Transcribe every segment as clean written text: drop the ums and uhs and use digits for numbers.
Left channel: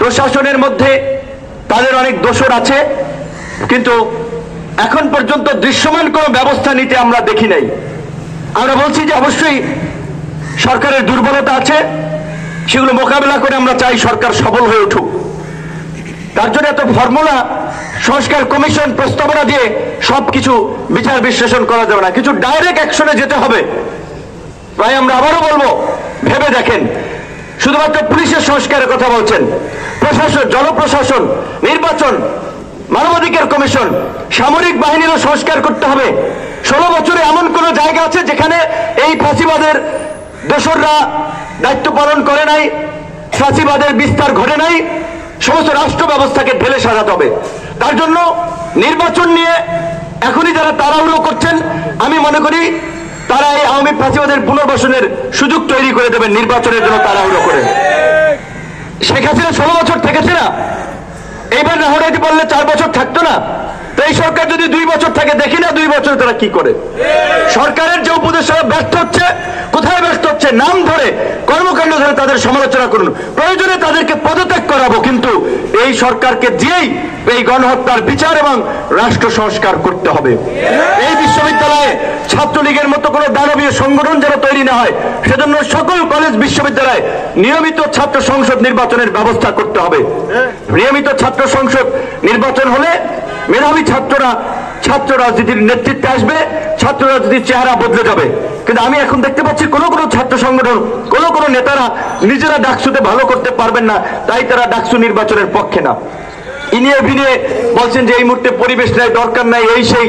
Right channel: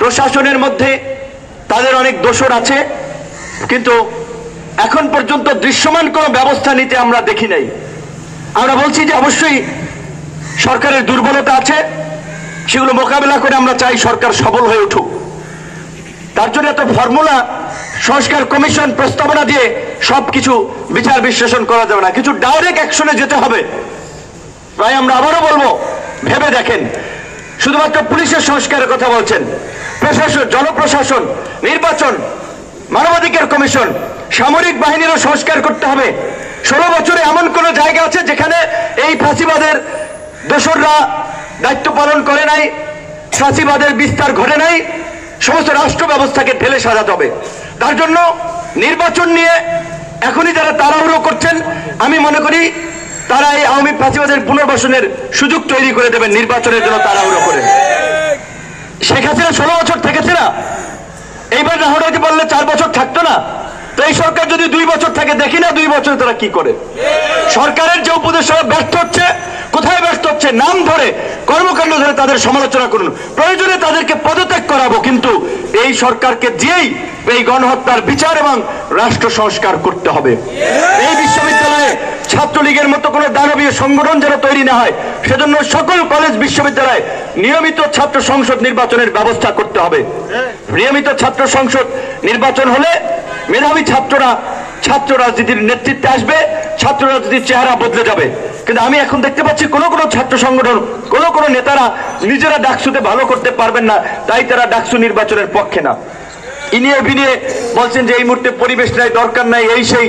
প্রশাসনের মধ্যে তাদের অনেক দোষর আছে, কিন্তু এখন পর্যন্ত দৃশ্যমান কোনো ব্যবস্থা নিতে আমরা দেখি নাই। আমরা বলছি যে অবশ্যই সরকারের দুর্বলতা আছে, সেগুলো মোকাবিলা করে আমরা চাই সরকার সফল হয়ে উঠুক। তার জন্য এত ফর্মুলা সংস্কার কমিশন প্রস্তাবনা দিয়ে সবকিছু বিচার বিশ্লেষণ করা যাবে না, কিছু ডাইরেক্ট অ্যাকশনে যেতে হবে। তাই আমরা আবারও বলবো, ভেবে দেখেন, শুধুমাত্র পুলিশের সংস্কারের কথা বলছেন, প্রশাসন, জনপ্রশাসন, নির্বাচন, মানবাধিকার কমিশন, সামরিক বাহিনীরও সংস্কার করতে হবে। 16 বছরে এমন কোন জায়গা আছে যেখানে এই ফাঁসিবাদের দোসররা দায়িত্ব পালন করে নাই, ফাঁসিবাদের বিস্তার ঘটে নাই? সমস্ত রাষ্ট্র ব্যবস্থাকে ঢেলে সাজাতে হবে। তার জন্য নির্বাচন নিয়ে এখনই যারা তাড়াহুড়ো করছেন, আমি মনে করি তারা এই আওয়ামী ফাঁসিবাদের পুনর্বাসনের সুযোগ তৈরি করে দেবেন নির্বাচনের জন্য তাড়াহুড়ো করে। শেখ হাসিনা 16 বছর থেকেছে না, এইবার না হতে পারলে 4 বছর থাকতো না? তো এই সরকার যদি 2 বছর থাকে, দেখি না 2 বছর তারা কি করে। সরকারের যে উপদেষ্টারা ব্যর্থ হচ্ছে, কোথায় ব্যর্থ হচ্ছে নাম ধরে, কর্মকাণ্ড ধরে তাদের সমালোচনা করুন, প্রয়োজনে তাদেরকে পদত্যাগ করাবো, কিন্তু এই সরকারকে দিয়েই এই গণহত্যার বিচার এবং রাষ্ট্র সংস্কার করতে হবে। এই বিশ্ববিদ্যালয়ে ছাত্রলীগের মতো কোনো দানবীয় সংগঠন যেন তৈরি না হয়, সেজন্য সকল কলেজ বিশ্ববিদ্যালয়ে নিয়মিত ছাত্র সংসদ নির্বাচনের ব্যবস্থা করতে হবে। নিয়মিত ছাত্র সংসদ নির্বাচন হলে মেধাবী ছাত্র রাজনীতির নেতৃত্বে আসবে, ছাত্র রাজনীতির চেহারা বদলে যাবে। কিন্তু আমি এখন দেখতে পাচ্ছি কোন ছাত্র সংগঠন, কোন নেতারা নিজেরা ডাকসুতে ভালো করতে পারবেন না, তাই তারা ডাকসু নির্বাচনের পক্ষে না। ইনিয়ে বিনিয়ে বলছেন যে এই মুহূর্তে পরিবেশ নাই, দরকার নাই, এই সেই।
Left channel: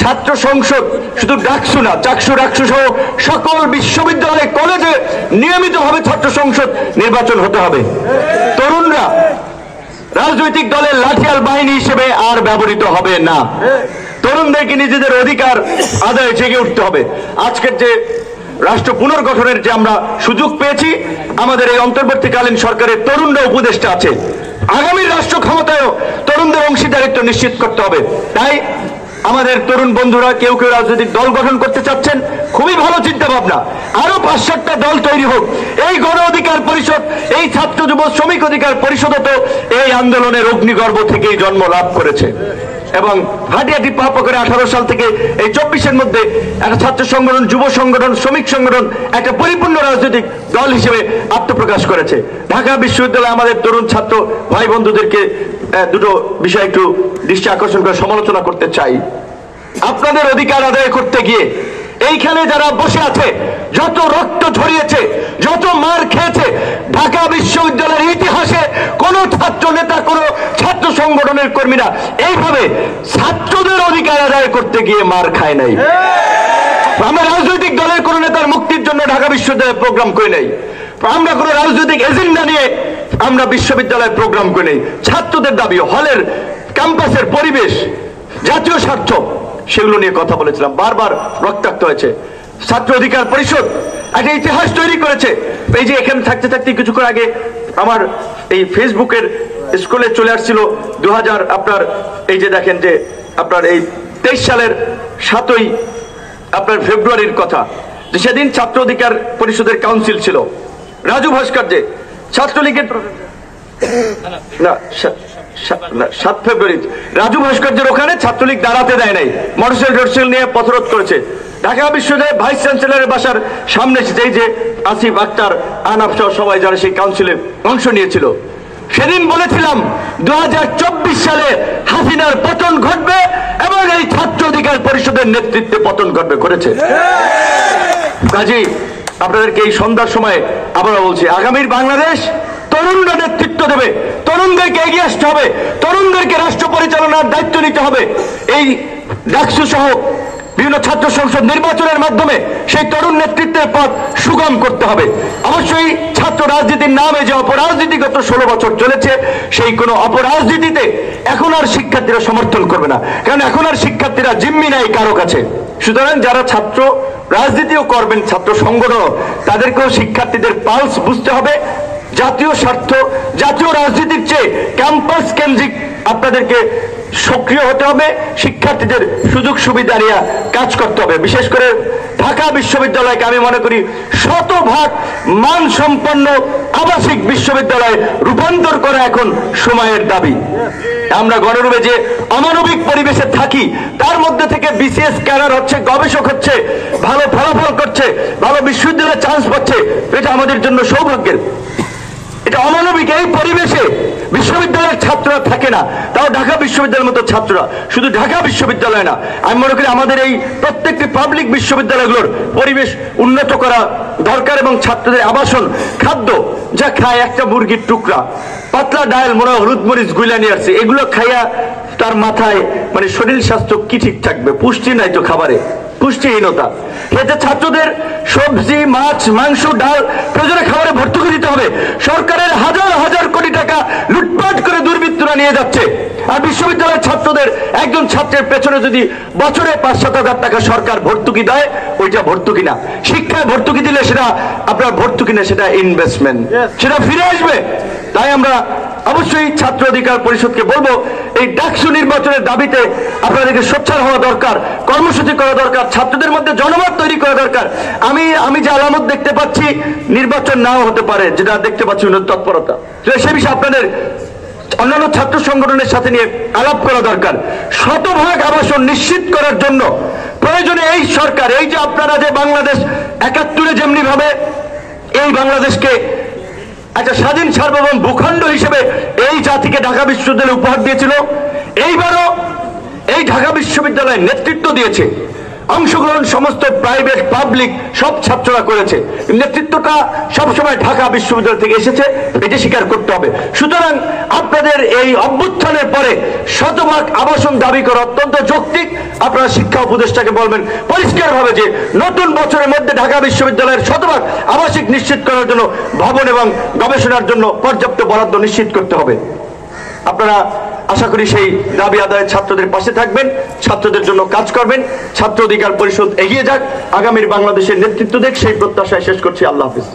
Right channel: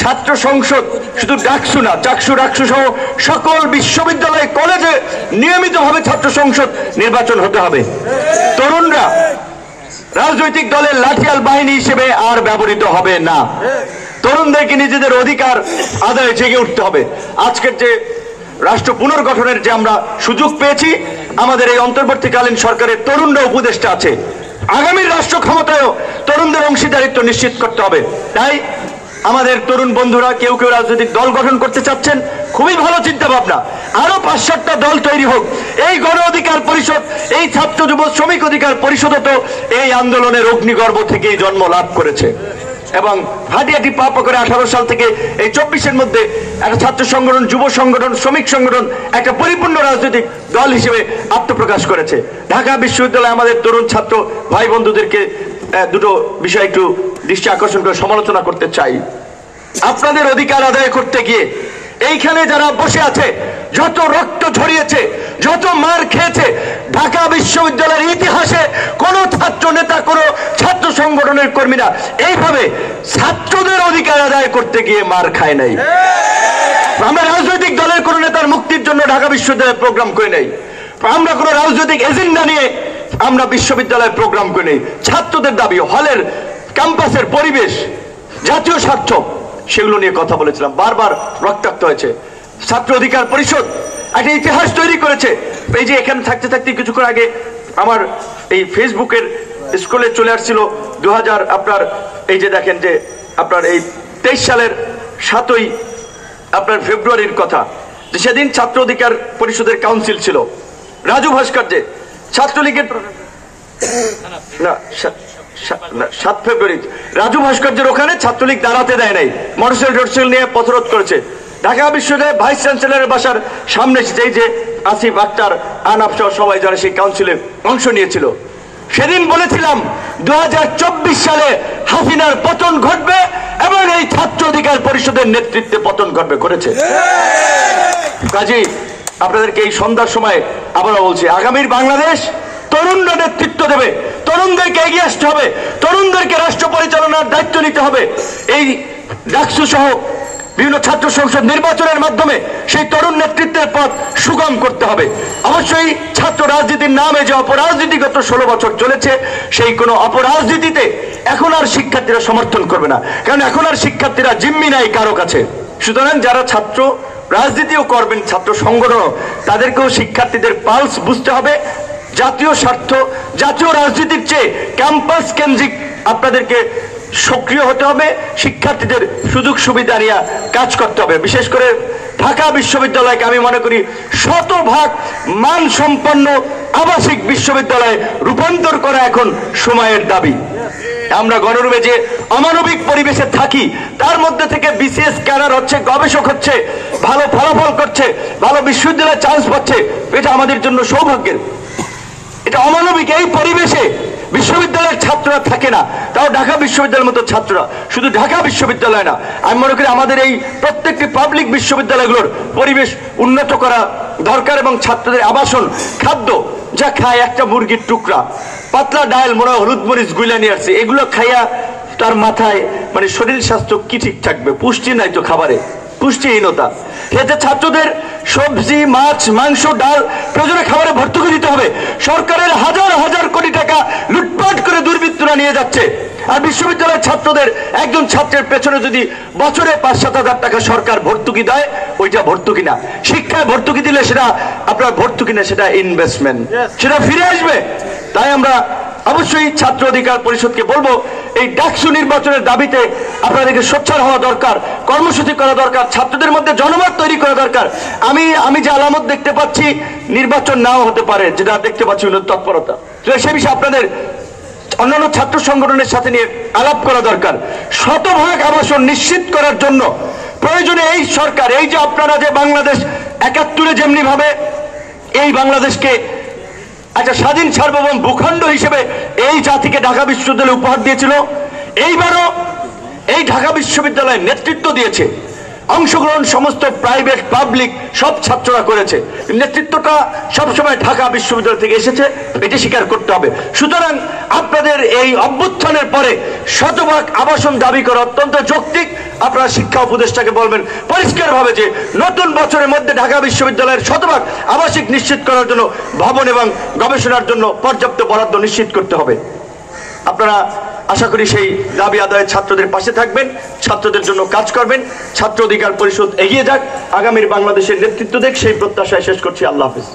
ছাত্র সংসদ শুধু ডাকসু না, চাকসু ডাকসু সহ সকল বিশ্ববিদ্যালয় কলেজে নিয়মিতভাবে ছাত্র সংসদ নির্বাচন হতে হবে। তরুণরা রাজনৈতিক দলের লাঠিয়াল বাহিনী হিসেবে আর ব্যবহৃত হবে না। তরুণদেরকে নিজেদের অধিকার আদায়ে জেগে উঠতে হবে। আজকের যে রাষ্ট্র পুনর্গঠনের যে আমরা সুযোগ পেয়েছি, আমাদের এই অন্তর্বর্তীকালীন সরকারের তরুণরা উপদেষ্টা আছে, আগামীর রাষ্ট্র ক্ষমতায়ও তরুণদের অংশীদারিত্ব নিশ্চিত করতে হবে। তাই আমাদের তরুণ বন্ধুরা কেউ কেউ রাজনৈতিক দল গঠন করতে চাচ্ছেন, খুবই ভালো চিন্তা ভাবনা, আরো 5-7টা দল তৈরি হোক। এই গণ অধিকার পরিষদ, এই ছাত্র যুব শ্রমিক অধিকার পরিষদও তো এই আন্দোলনের অগ্নিগর্ভ থেকেই জন্ম লাভ করেছে এবং হাঁটিহাঁটি পা করে 18 সাল থেকে এই 24-এর মধ্যে একটা ছাত্র সংগঠন, যুব সংগঠন, শ্রমিক সংগঠন একটা পরিপূর্ণ রাজনৈতিক দল হিসেবে আত্মপ্রকাশ করেছে। ঢাকা বিশ্ববিদ্যালয়ে আমাদের তরুণ ছাত্র ভাই বন্ধুদেরকে দুটো বিষয় একটু দৃষ্টি আকর্ষণ করে সমালোচনা করতে চাই। আপনাদের অধিকার আদায় করতে গিয়ে এইখানে যারা বসে আছে, যত রক্ত ঝরিয়েছে, যত মার খেয়েছে, ঢাকা বিশ্ববিদ্যালয়ের ইতিহাসে কোন ছাত্র নেতা, কোন ছাত্র সংগঠনের কর্মীরা এইভাবে ছাত্রদের অধিকার আদায় করতে গিয়ে মার খায় নাই। আমরা রাজনৈতিক দলের কোন নেতার মুক্তির জন্য ঢাকা বিশ্ববিদ্যালয়ে প্রোগ্রাম করে নাই, আমরা কোন রাজনৈতিক এজেন্ডা নিয়ে আমরা বিশ্ববিদ্যালয়ে প্রোগ্রাম করে নেই। ছাত্রদের দাবি, হলের ক্যাম্পাসের পরিবেশ, জাতীয় স্বার্থ, সেগুলো নিয়ে কথা বলেছিলাম, বারবার রক্তাক্ত হয়েছে। ছাত্র অধিকার পরিষদ একটা ইতিহাস তৈরি করেছে। এই যে এখানে থাকতে থাকতে কিছুক্ষণ আগে আমার এই ফেসবুকের স্কুলে চলে আসছিল 2000 আপনার এই যে দেখেন যে আপনার এই 23 সালের 7ই আপনার ফেব্রুয়ারির কথা, যে সেদিন ছাত্র অধিকার পরিষদের কাউন্সিল ছিল। রাজু ভাস্কর্য ছাত্রলীগের না 7 ফেব্রুয়ারি রাজু ভাস্কর্যের ওখানে ছাত্রলীগ দাঁড়াতে দেয় নাই, মোটরসাইকেল নিয়ে পথরোধ করেছে। ঢাকা বিশ্ববিদ্যালয়ের ভাইস চ্যান্সেলরের বাসার সামনে যেই যে আসিফ আক্তার, আনাফ সহ সবাই যারা সেই কাউন্সিলে অংশ নিয়েছিল, সেদিন বলেছিলাম 2024 সালে হাসিনার পতন ঘটবে এবং এই ছাত্র অধিকার পরিষদের নেতৃত্বে পতন ঘটবে, করেছে। কাজী আপনাদেরকে এই সন্ধ্যার সময় আবারও বলছি, আগামীর বাংলাদেশ তরুণরা নেতৃত্ব দেবে, তরুণদেরকে এগিয়ে আসতে হবে, তরুণদেরকে রাষ্ট্র পরিচালনার দায়িত্ব নিতে হবে। এই ডাকসু সহ বিভিন্ন ছাত্র সংসদ নির্বাচনের মাধ্যমে সেই তরুণ নেতৃত্বের পথ সুগম করতে হবে। অবশ্যই ছাত্র রাজনীতির নামে যে অপরাজনীতিগত 16 বছর চলেছে, সেই কোনো অপরাজনীতিতে এখন আর শিক্ষার্থীরা সমর্থন করবে না, কারণ এখন আর শিক্ষার্থীরা জিম্মি নাই কারো কাছে। সুতরাং যারা ছাত্র রাজনীতিও করবেন, ছাত্র সংগঠন, তাদেরকেও শিক্ষার্থীদের পালস বুঝতে হবে। জাতীয় স্বার্থ, জাতীয় রাজনীতির চেয়ে ক্যাম্পাস কেন্দ্রিক আপনাদেরকে সক্রিয় হতে হবে, শিক্ষার্থীদের সুযোগ সুবিধা নিয়ে কাজ করতে হবে। বিশেষ করে ঢাকা বিশ্ববিদ্যালয়কে আমি মনে করি শতভাগ মানসম্পন্ন আবাসিক বিশ্ববিদ্যালয়ে রূপান্তর করা এখন সময়ের দাবি। আমরা গণরূপে যে অমানবিক পরিবেশে থাকি, তার মধ্যে থেকে বিসিএস ক্যাডার হচ্ছে, গবেষক হচ্ছে, ভালো ফলাফল করছে, ভালো বিশ্ববিদ্যালয়ে চান্স পাচ্ছে, এটা আমাদের জন্য সৌভাগ্যের। এটা অমানবিক। এই পরিবেশে বিশ্ববিদ্যালয়ের ছাত্ররা থাকে না, তাও ঢাকা বিশ্ববিদ্যালয়ের মতো ছাত্ররা। শুধু ঢাকা বিশ্ববিদ্যালয় না, আমি মনে করি আমাদের এই প্রত্যেকটি পাবলিক বিশ্ববিদ্যালয়গুলোর পরিবেশ উন্নত করা দরকার এবং ছাত্রদের আবাসন, খাদ্য যা খায় একটা মুরগির টুকরা, পাতলা ডাল, মনে হয় হলুদ মরিচ গুলা নিয়ে আসছে, এগুলো খাইয়া তার মাথায় মানে শরীর স্বাস্থ্য কি ঠিক থাকবে? পুষ্টি নাই তো খাবারে, পুষ্টিহীনতা। এতে ছাত্রদের সবজি, মাছ, মাংস, ডাল প্রয়োজনে খাবারে ভর্তুকি দিতে হবে। সরকারের হাজার হাজার কোটি টাকা লুটপাট করে দুর্বৃত্তরা নিয়ে যাচ্ছে। আর বিশ্ববিদ্যালয়ের ছাত্রদের একজন ছাত্রের পেছনে যদি বছরে 5-7 হাজার টাকা সরকার ভর্তুকি দেয়, ওইটা ভর্তুকি না। শিক্ষায় ভর্তুকি দিলে সেটা আপনার ভর্তুকি না, সেটা ইনভেস্টমেন্ট, সেটা ফিরে আসবে। তাই আমরা অবশ্যই ছাত্র অধিকার পরিষদকে বলবো, এই ডাকসু নির্বাচনের দাবিতে আপনাদেরকে সোচ্চার হওয়া দরকার, কর্মসূচি করা দরকার, ছাত্রদের মধ্যে জনমত তৈরি করা দরকার। আমি যে আলামত দেখতে পাচ্ছি, নির্বাচন নাও হতে পারে, যেটা দেখতে পাচ্ছি তৎপরতা, সে বিষয়ে আপনাদের অন্যান্য ছাত্র সংগঠনের সাথে নিয়ে আলাপ করা দরকার। শতভাগ আবাসন নিশ্চিত করার জন্য প্রয়োজনে এই সরকার, এই যে আপনারা যে বাংলাদেশ 71-এ যেমনি ভাবে এই বাংলাদেশকে একটা স্বাধীন সার্বভৌম ভূখণ্ড হিসেবে এই জাতিকে ঢাকা বিশ্ববিদ্যালয় উপহার দিয়েছিল, এইবারও এই ঢাকা বিশ্ববিদ্যালয় নেতৃত্ব দিয়েছে, অংশগ্রহণ সমস্ত প্রাইভেট পাবলিক সব ছাত্ররা করেছে, নেতৃত্বটা সবসময় ঢাকা বিশ্ববিদ্যালয় থেকে এসেছে, এটি স্বীকার করতে হবে। সুতরাং আপনাদের এই অভ্যুত্থানের পরে শতভাগ আবাসন দাবি করা অত্যন্ত যৌক্তিক। আপনারা শিক্ষা উপদেষ্টাকে বলবেন পরিষ্কারভাবে যে নতুন বছরের মধ্যে ঢাকা বিশ্ববিদ্যালয়ের শতভাগ আবাসিক নিশ্চিত করার জন্য ভবন এবং গবেষণার জন্য পর্যাপ্ত বরাদ্দ নিশ্চিত করতে হবে। আপনারা আশা করি সেই দাবি আদায়ে ছাত্রদের পাশে থাকবেন, ছাত্রদের জন্য কাজ করবেন। ছাত্র অধিকার পরিষদ এগিয়ে যাক, আগামীর বাংলাদেশের নেতৃত্ব দেখ, সেই প্রত্যাশায় শেষ করছি। আল্লাহ হাফিজ।